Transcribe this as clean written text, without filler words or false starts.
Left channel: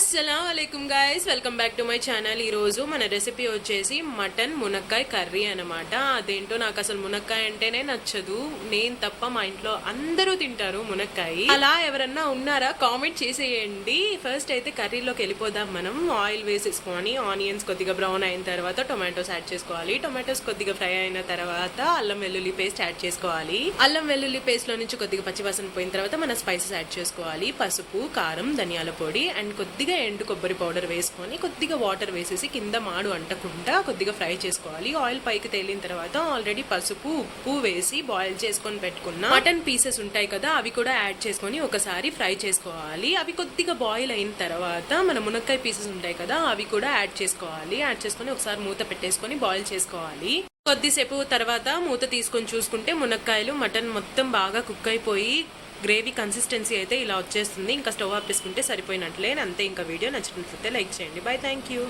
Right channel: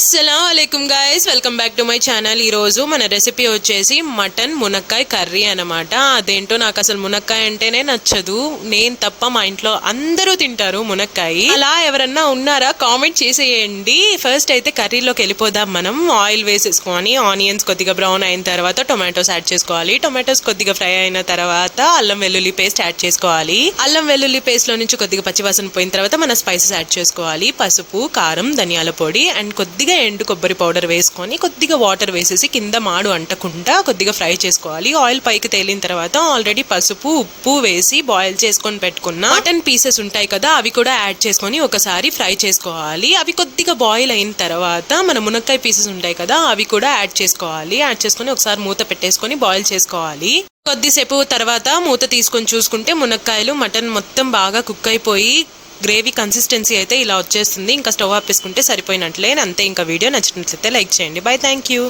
అస్సలాముఅలైకుం guys, welcome back to my channel. ఈరోజు మన recipe వచ్చేసి మటన్ మునక్కాయ కర్రీ అనమాట. అదేంటో నాకు అసలు మునక్కాయ అంటేనే నచ్చదు, నేను తప్ప మా ఇంట్లో అందరూ తింటారు మునక్కాయ. అలా ఎవరన్నా ఉన్నారా కామెంట్ చేసేయండి. ఫస్ట్ అయితే కర్రీలోకి వెళ్ళిపోదాం. మనం ఆయిల్ వేసేసుకొని ఆనియన్స్ కొద్దిగా బ్రౌన్ అయిన తర్వాత టొమాటోస్ యాడ్ చేసుకోవాలి. టొమాటోస్ కొద్దిగా ఫ్రై అయిన తర్వాత అల్లం వెల్లుల్లి పేస్ట్ యాడ్ చేసుకోవాలి. అల్లం వెల్లుల్లి పేస్ట్ లో నుంచి కొద్దిగా పచ్చివాసన పోయిన తర్వాత మన స్పైసెస్ యాడ్ చేసుకోవాలి. పసుపు, కారం, ధనియాల పొడి అండ్ కొద్దిగా ఎండు కొబ్బరి పౌడర్ వేసుకొని కొద్దిగా వాటర్ వేసేసి కింద మాడు అంటకుండా కొద్దిగా ఫ్రై చేసుకోవాలి. ఆయిల్ పైకి తేలిన తర్వాత ఆల్రెడీ పసుపు, ఉప్పు వేసి బాయిల్ చేసుకొని పెట్టుకున్న మటన్ పీసెస్ ఉంటాయి కదా, అవి కూడా యాడ్ చేసుకొని ఒకసారి ఫ్రై చేసుకోవాలి. అవి కొద్దిగా బాయిల్ అయిన తర్వాత మన మునక్కాయ పీసెస్ ఉంటాయి కదా, అవి కూడా యాడ్ చేసుకోవాలి. యాడ్ చేసుకొని ఒకసారి మూత పెట్టేసుకొని బాయిల్ చేసుకోవాలి. కొద్దిసేపు తర్వాత మూత తీసుకొని చూసుకుంటే మునక్కాయలు మటన్ మొత్తం బాగా కుక్ అయిపోయి గ్రేవీ కన్సిస్టెన్సీ అయితే ఇలా వచ్చేస్తుంది. ఇంకా స్టవ్ ఆపేసుకుంటే సరిపోయినట్లే. అంతే. ఇంకా వీడియో నచ్చినట్లయితే లైక్ చేయండి. By, thank you.